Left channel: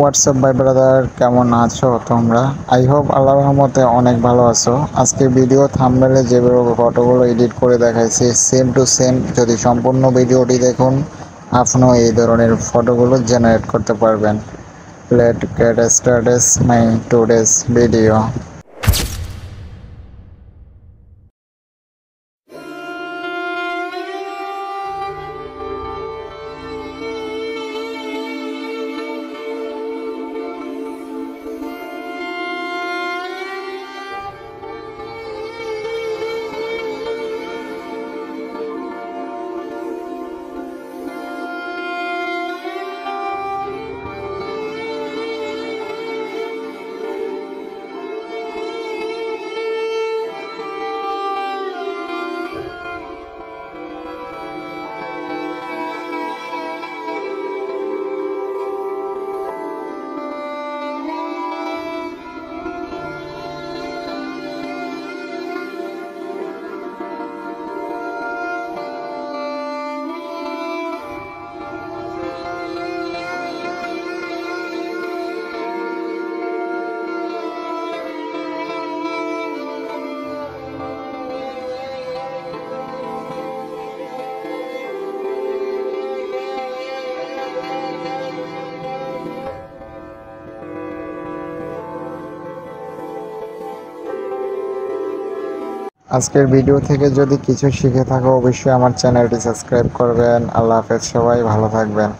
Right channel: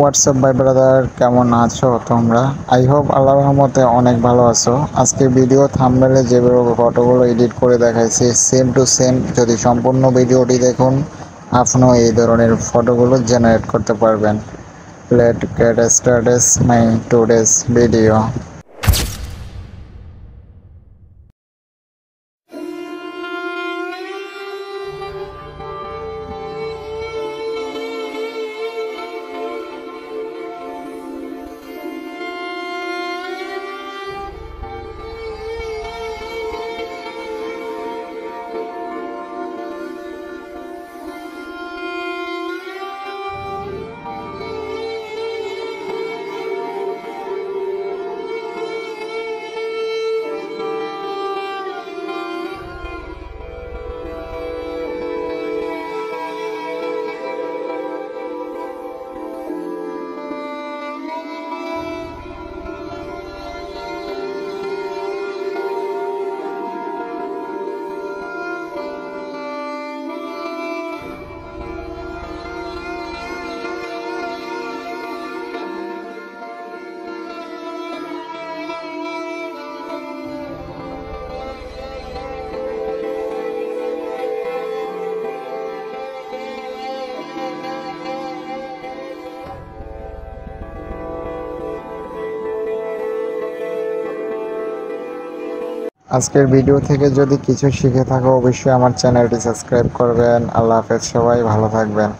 WhatsApp ভাই brother, কেমন আছো তোমরা? আই হোপ আল্লাহর রহমতে অনেক ভালো আছো। আজকে ভিডিও থাম্বনেলে যেভাবে ফটোগুলো এডিট করে দেখাইছি সেম টু সেম যদি সম্পূর্ণ ভিডিওটি দেখুন আপনিও এই ধরনের ফটোগুলো জেনারেট করতে পারবেন। লেট গেট স্টার্টেড মাই টুডেস ভিডিও। আজকের ভিডিও থেকে যদি কিছু শিখে থাকো অবশ্যই আমার চ্যানেলটি সাবস্ক্রাইব করবেন। আল্লাহ হাফেজ, সবাই ভালো থাকবেন।